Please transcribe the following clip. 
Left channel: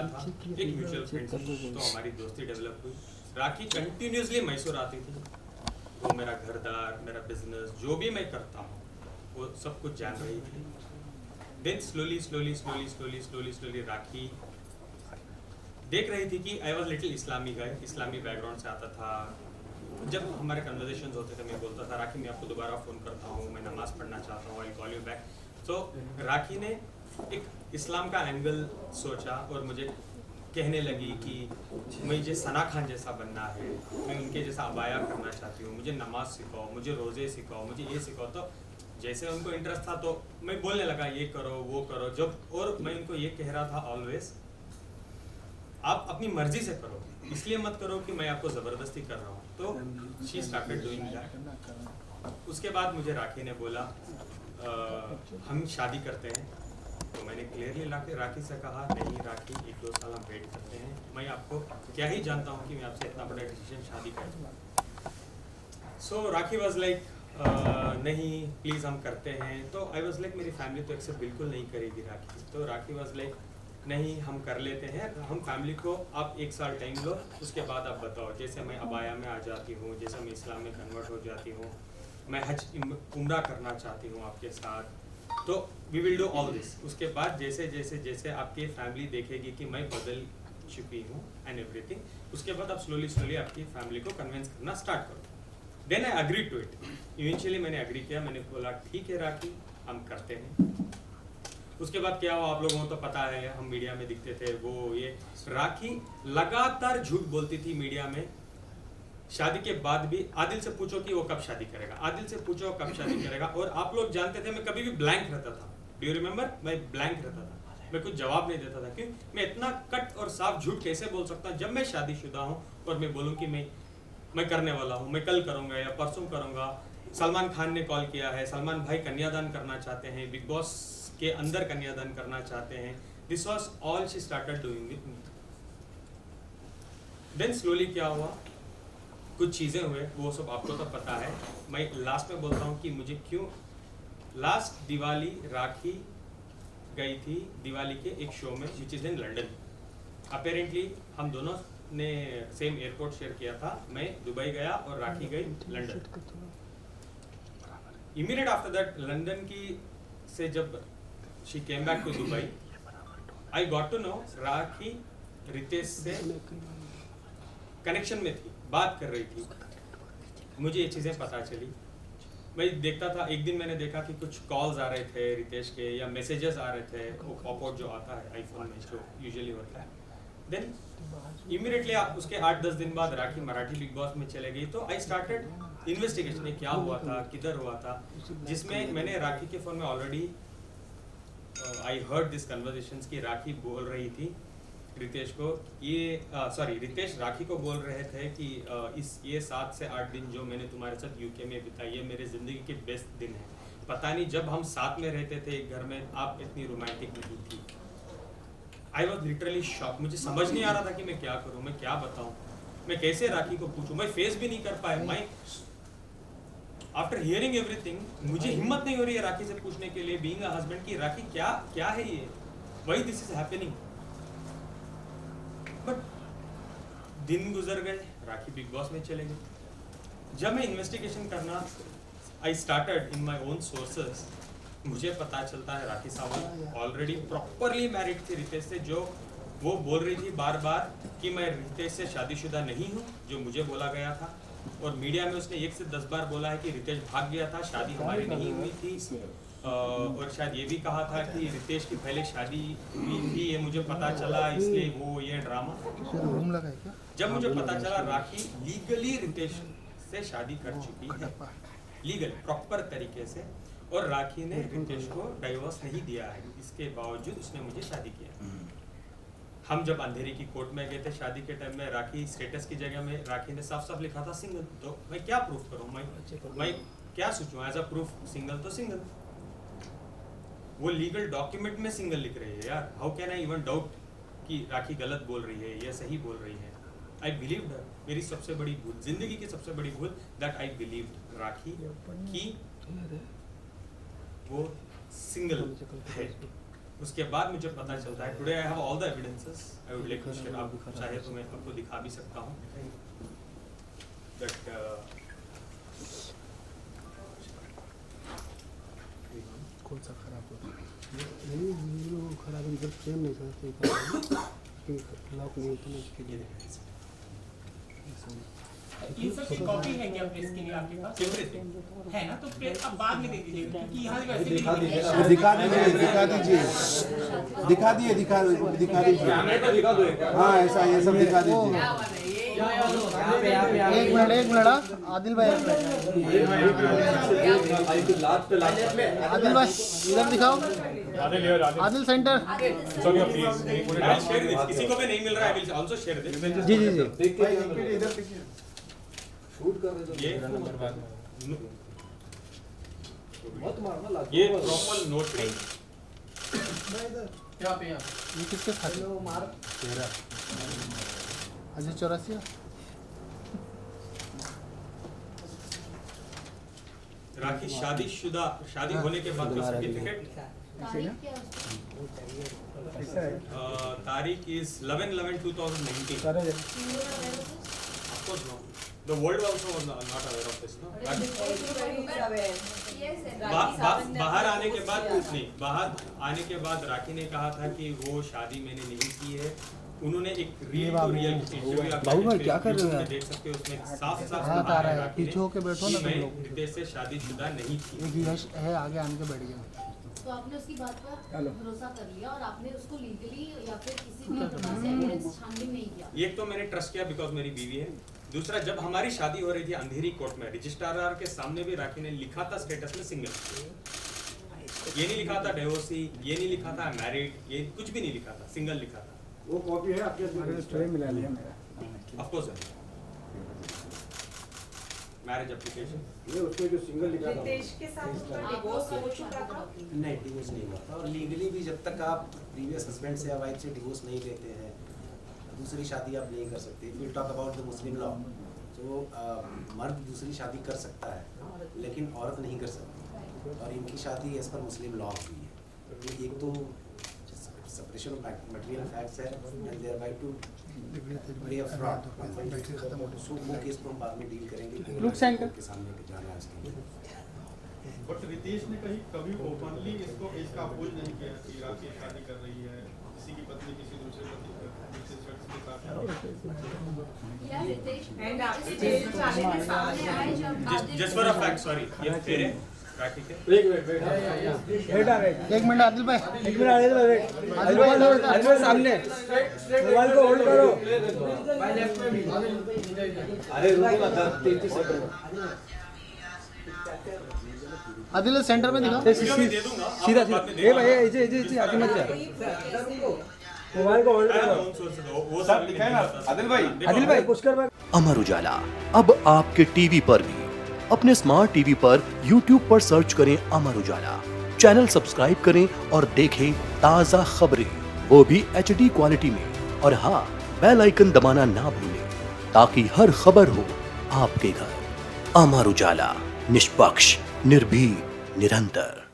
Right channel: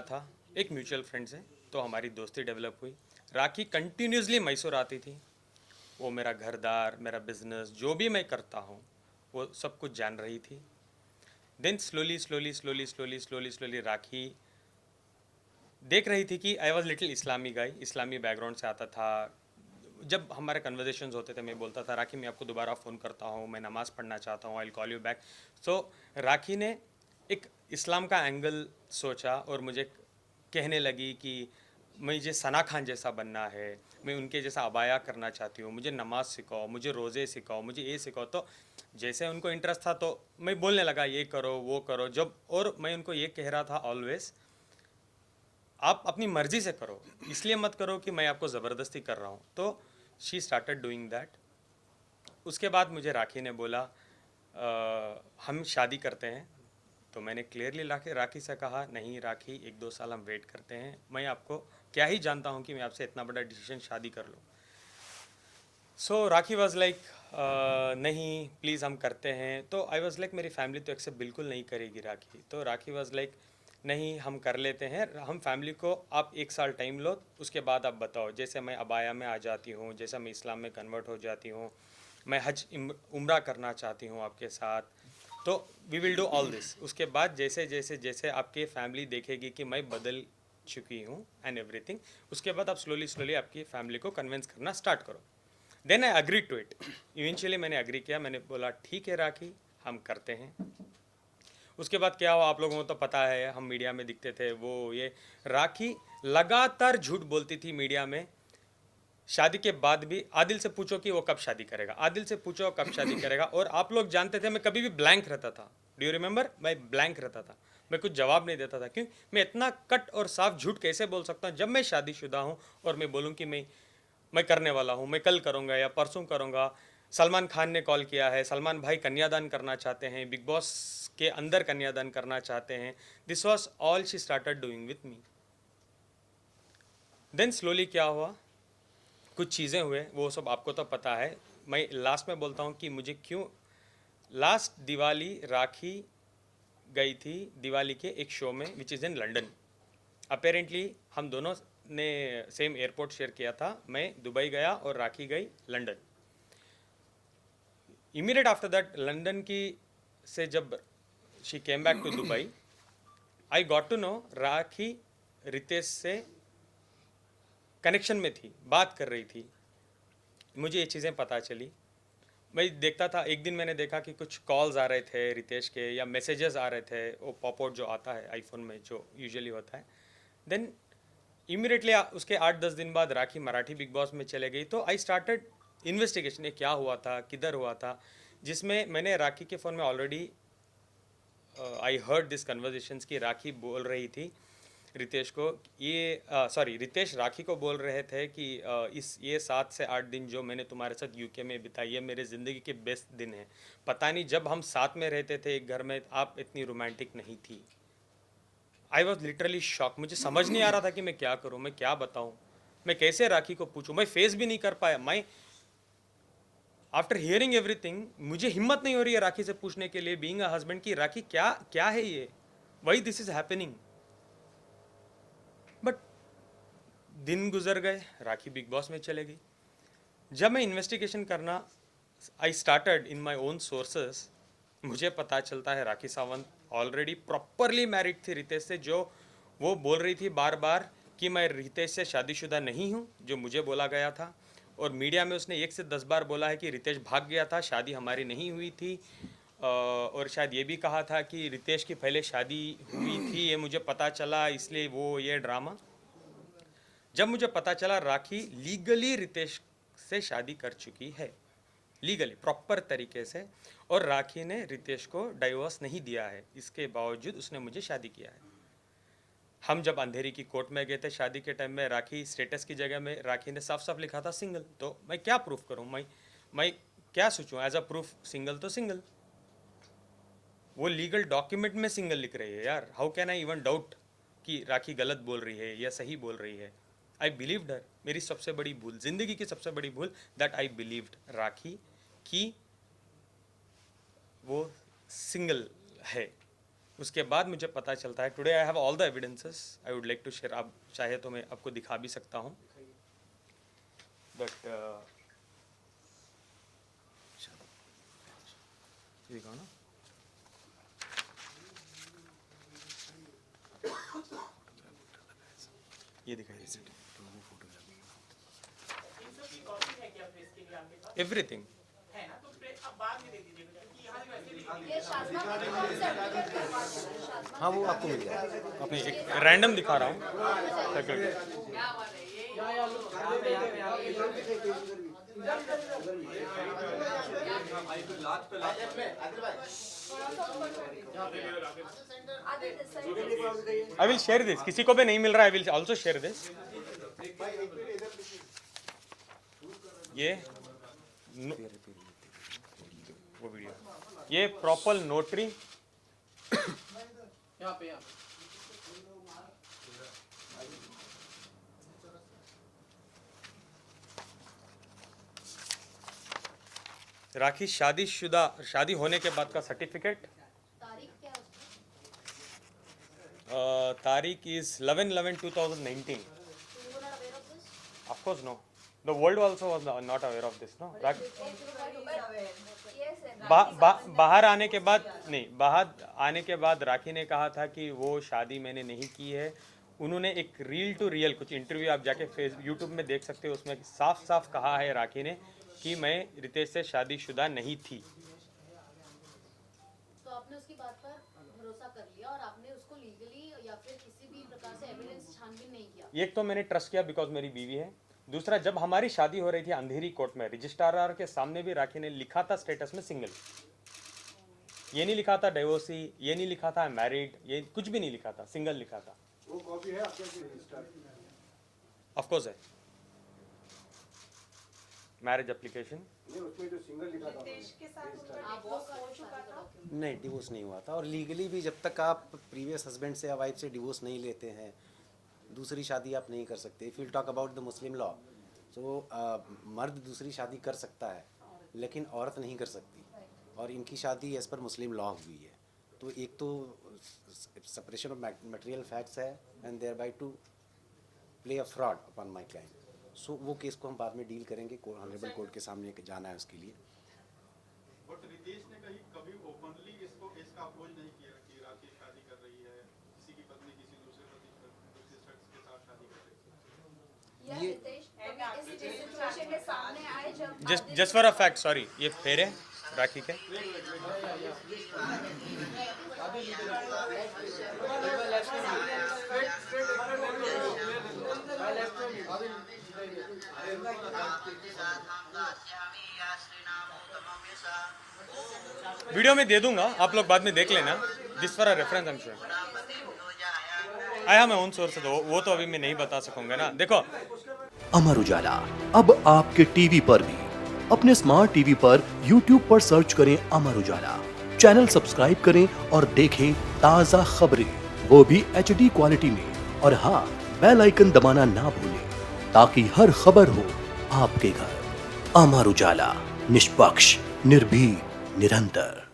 मिला था एक म्यूचुअल फ्रेंड से, तो हमारी दोस्ती डेवलप हुई। राखी कंटिन्यूसली मैसूर आती थी, वो मेरा घरदार, मेरा बिजनेस, जो भी मैं करता हूँ वो सब कुछ जान रही थी। देन स्लोली राखी देख रही थी कि I was little Islami guy, Islami background से आता था। जब हमारे कन्वर्जेशंस होते थे मैं बोलता था राखी मैं आपको दोबारा फ़ोन करता हूँ, मैं नमाज़ पढ़ना चाहता हूँ, आई कॉल यू बैक। तो राखी ने एक इस्लाम का एंगल सोचा और मुझे कहने लगी कि मुझे सना खान जैसा बनना है, मैं उनके जैसा अबाया करना चाहती हूँ, मुझे नमाज सिखाओ, मुझे रोज़े सिखाओ, मुझे ये सिखाओ। तो जैसे उनको इंटरेस्ट था तो मैं बोलने लगा ये करो वो करो। जब और मैं उनको ये कह रहा था ऑलवेज, आप अपनी मर्जी से करो, इसलिए मत करो कि मैं आपको ज़बरदस्ती कर रहा हूँ। तो शी स्टार्टेड डूइंग दैट। उसके बाद मुझे राखी ने बोला हम शादी करते हैं। तो मैंने क्लियरली राखी से कहा नहीं राखी, 1-2 साल हम वेट करते हैं, मैं आपको क्या ही जानता हूँ कि मैं आपसे इतना बड़ा डिसीजन शादी कर दूँगा। सो राखी वॉज लाइक नहीं प्लीज़ हम करते हैं। तो आई वॉज लाइक मेरी फैमिली तो एक्सेप्ट बिल्कुल नहीं करेगी राखी। तो राखी वॉज लाइक नहीं हम कर लेते हैं, हम फैमिली को आप 1 साल टाइम लो, उसके बाद आप बताओ। जैसे मैं अबाया में आ जाती हूँ, जैसे मैं इस्लाम में कन्वर्ट हो जाती हूँ, मैं हज उम्रा करना चाहती हूँ आपके साथ, तो we will do all this. उसके बाद जैसे जैसे जैसे आपकी फैमिली देखेगी कि मैं बदल चुकी हूँ एंड एवरीथिंग, उसके बाद आप स्लोली आपकी फैमिली को कन्विंस करना स्टार्ट करो। Then I agree to it. Eventually मैंने अग्री किया, मैंने बोला ठीक है राखी हम करते हैं। उसके बाद क्या हुआ आप लोगों को तो पता है, हम मीडिया में दिखते थे वो ये। राखी लगातार झूठ बोलती थी मीडिया में। शादी के बाद भी आदिल से पूछो कि वो कब शादी करेगा, आदिल से पूछो कब शादी करेगा। और आप लोग जानते थे मैं कभी भी ब्लैंक रहता था। Do you remember? मैं ब्लैंक रहता था, मैं कुछ जवाब नहीं देता था। क्यों? मैं इतना कट और साफ झूठ कैसे बोल सकता हूँ जब मैं शादीशुदा हूँ और मैं बोलूँ कि मैं करने वाला हूँ, मैं कल करूँगा या परसों करूँगा। सलमान खान ने कॉल किया है, सलमान भाई कन्यादान करना चाहते हैं, बिग बॉस के अंदर कन्यादान करना चाहते हैं। This was all she started doing with me. Then slowly क्या हुआ, कुछ चीज़ें हुए, वो सब आपको तो पता है। मैं लास्ट में बोलता हूँ कि मुझे क्यों। लास्ट दिवाली राखी गई थी दिवाली के एक शो में which is in London. Apparently हम दोनों ने सेम एयरपोर्ट शेयर किया था। मैं दुबई गया और राखी गई London. Immediate after that London की से जब she came back to Dubai, I got to know Rakhi Ritesh से कनेक्शन में थी, बात कर रही थी। मुझे ये चीज़ें पता चली। मैं देखता था, एक दिन मैंने देखा कि कुछ कॉल्स आ रहे थे रितेश के या मैसेजेस आ रहे थे, वो पॉपआउट जो आता है आईफोन में जो यूजुअली होता है। देन इमीडिएटली उसके 8-10 दिन बाद राखी मराठी बिग बॉस में चले गई। तो आई स्टार्टेड इन्वेस्टिगेशन, क्या हुआ था, किधर हुआ था, जिसमें मैंने राखी के फ़ोन में already I heard this conversations की राखी बोल रही थी रितेश को, रितेश राखी को बोल रहे थे कि ये 7 से 8 दिन जो मैंने तुम्हारे साथ यूके में बिताई है मेरे ज़िंदगी के बेस्ट दिन है। पता नहीं जब हम साथ में रहते थे एक घर में आप इतनी रोमांटिक नहीं थी। I was literally shock. मुझे समझ नहीं आ रहा था कि मैं क्या करूँ, मैं क्या बताऊँ, मैं कैसे राखी को पूछूँ। मैं फेस भी नहीं कर पाया। मैं आफ्टर हियरिंग एवरीथिंग मुझे हिम्मत नहीं हो रही है राखी से पूछने के लिए, बीइंग अ हस्बैंड, की राखी क्या क्या है ये, why this is happening. But दिन गुजर गए, राखी बिग बॉस में चले गई। जब मैं इन्वेस्टिगेशन करना I started in my own sources, मुझे पता चलता है Rakhi Sawant already properly married थी रितेश से। जो वो बोल रही थी बार बार कि मैं रितेश से शादीशुदा नहीं हूँ, जो मुझे बोला गया था। और मीडिया में उसने 1 से 10 बार बोला है कि रितेश भाग गया था, शादी हमारी नहीं हुई थी। और शायद ये भी कहा था कि रितेश की पहले शादी हुई थी, ये मुझे पता चला इसलिए वो ये ड्रामा। जब मुझे पता चला राखी लीगली रितेश से शादी कर चुकी है, लीगली प्रॉपर तरीके से, और राखी ने रितेश को डाइवोर्स नहीं दिया है, इसके बावजूद उसने मुझे शादी किया है। हम जब अंधेरी की कोर्ट में गए थे शादी के टाइम में, राखी स्टेटस की जगह में राखी ने साफ साफ लिखा था सिंगल। तो मैं क्या प्रूफ करूं, मैं क्या सोचूं एज अ प्रूफ, सिंगल तो सिंगल। वो लीगल डॉक्यूमेंट में सिंगल लिख रही है यार। How can I even doubt कि राखी गलत बोल रही है या सही बोल रही है। आई बिलीव्ड हर। मेरी सबसे बड़ी भूल, जिंदगी की सबसे बड़ी भूल, दैट आई बिलीव्ड राखी कि वो सिंगल है। उसके बाद मुझे पता चलता है today I have all the evidences I would like to share, आप चाहे तो मैं आपको दिखा भी सकता हूँ, बट कौन सा खराब होता खराब इधर सेम नहीं सर लॉक नहीं होता ये दिखाइए ये सब कॉपी है क्या प्रेस के लिए आपके पास? एवरीथिंग है ना, तो अब बाद में दे दीजिएगा क्योंकि यहाँ वैसे भी दिखा दीजिए रैंडम दिखा रहा हूँ। हाँ ऐसा ये सब दिखा दीजिए एक मिनट आदिल भाई आदिल भाई इधर दिखाओ Adil centre I will share this. किसी को भी नहीं मिल रहा है, I will also share this. जी ये प्रॉपर नोटरी ये किसके खाते अजय चौरासिया राखी शादी होने के बाद का सर्टिफिकेट, तारीख is 11/11/2019. Of course no. The world also was not aware of this, no. बाहर आने के बाद राखी ने कहा था कि वो शादी मैंने नहीं की है। उन्होंने एक रियल टू रियल इंटरव्यू आप यूट्यूब पे देख सकते हो, उसमें साफ कहा है राखी ने कि मैं रितेश से शादीशुदा नहीं थी। यश है आगे आने के बैठ गया, तो आपने उसकी बात पर भरोसा कर लिया और आपने उसको लीगली या फिर किसी भी प्रकार से एविडेंस छानबीन नहीं किया? एक तो मैंने ट्रस्ट किया बिकॉज मेरी बीवी है, दूसरा जब हमारी शादी हो रही थी अंधेरी कोर्ट में, रजिस्ट्रार के सामने भी राखी ने लिखा था स्टेटस में सिंगल, ये नहीं लिखा था डिवोर्सी, ये नहीं लिखा था मैरिड, ये कुछ भी नहीं लिखा था, सिंगल लिखा था। वो कॉपी है आपके मिला लिया ऑफ कोर्स है मैरिज एप्लीकेशन, ये उसमें जो सिंगल लिखा था रितेश के साथ उसका डिवोर्स हो चुका था? नहीं, डिवोर्स नहीं हुआ था। और लीगली भी जब तक आप प्रीवियस हस्बैंड से या वाइफ से डिवोर्स नहीं लेते हैं, दूसरी शादी आप नहीं कर सकते। If you talk about the Muslim law, तो मर्द दूसरी शादी कर सकता है लेकिन औरत नहीं कर सकती, और इनकी शादी एज पर मुस्लिम लॉ हुई है। एक तो सेपरेशन ऑफ मटेरियल फैक्ट्स है and thereby to play a fraud, so वो केस को हम बाद में डील करेंगे, कोर्ट के सामने जाना है उसके लिए। बट रितेश ने कभी ओपनली इसको इसका अपोज नहीं किया कि राखी शादी कर रही है, किसी की पत्नी किसी दूसरे पति के साथ। या रितेश एंड आपके जेल जाने के सामने आए जब just for a fact, sorry ये फेर है राखी के। एक मिनट आदिल भाई सामने मोबाइल को होल्ड करो। अरे आदिल सेंटर में दिखाओ, वीडियो में दे दूंगा, आप लोग बाद में देख लेना जिस पर आया मैं उन सोर्स से, वो तो अभी मैं नहीं बता सकता। देखो अमर उजाला अब आपके टीवी पर भी। अपने स्मार्ट टीवी पर YouTube पर सर्च करें अमर उजाला, चैनल सब्सक्राइब करें और देखें ताज़ा खबरें, वो भी HD क्वालिटी में। और हाँ, बेल आइकन दबाना ना भूलें ताकि हर खबर हो आपके घर। अमर उजाला, निष्पक्ष, निर्भीक, निरंतर।